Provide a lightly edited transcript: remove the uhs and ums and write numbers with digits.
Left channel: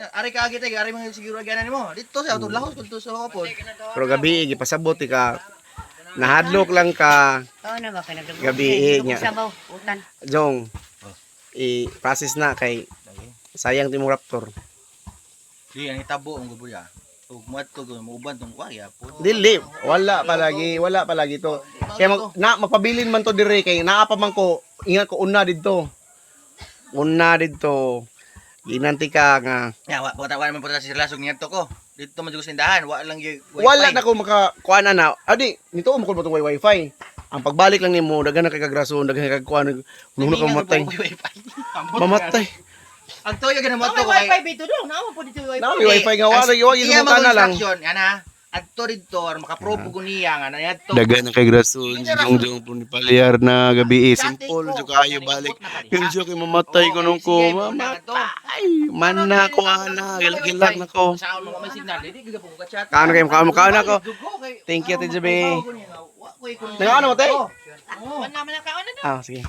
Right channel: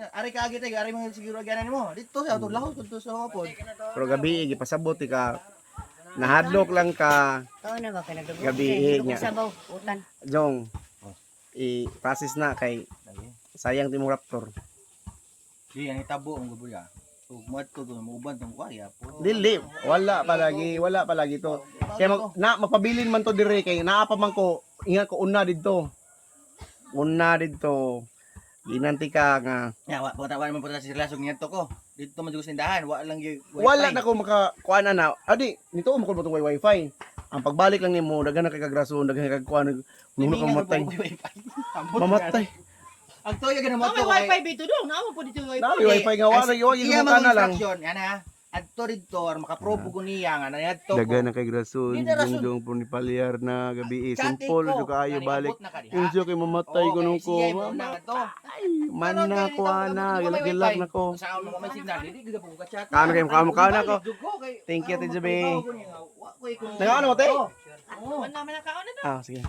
Ari ka agit ari mga siguro aganan nimo. Dito sa auto lahos kun to sa hapon. Pero gabi gipasabot ka. Nahadlok lang ka. Oo na ba kanadugog. Gabi niya. Sabaw utan. Jong. I-process na kay sayang timong raptor. Di ang hitabo ang gubuya. Ug moadto go muuban tong kuya po. Dili, wala palagi to. Kaya magpabilin man to dire kay naa pa man ko ingat ko una didto. Una didto. Ginanti ka nga. Ya, wa man puta sa lasog ngadto ko. Dito man jud sindahan, wa lang gyud wifi. Wala na ko makakuan na. Adi, nito mo ko mo tong wifi. Ang pagbalik lang nimo daghan na kay kagrason, daghan kay kuan nuno ka mamatay. Mamatay. Ang toyo ganun mo to ko kay Wifi dito dong, naamo po dito wifi. Na wifi nga wala yo iya yung kana lang. instruction, ana. Adto didto makaprobo ko niya nga ngadto. Daghan na kay grason, jong po ni palyar na gabi simple jud kaayo balik. Yung joke mamatay ko nung ko. Ay, man na ko ana, gilag na ko. Sa mo may signal, di gyud po ka chat. Kaano kay mukha ko. Thank you, Tijabe. Nagaano mo, te? Wala man na kaon na. Sige.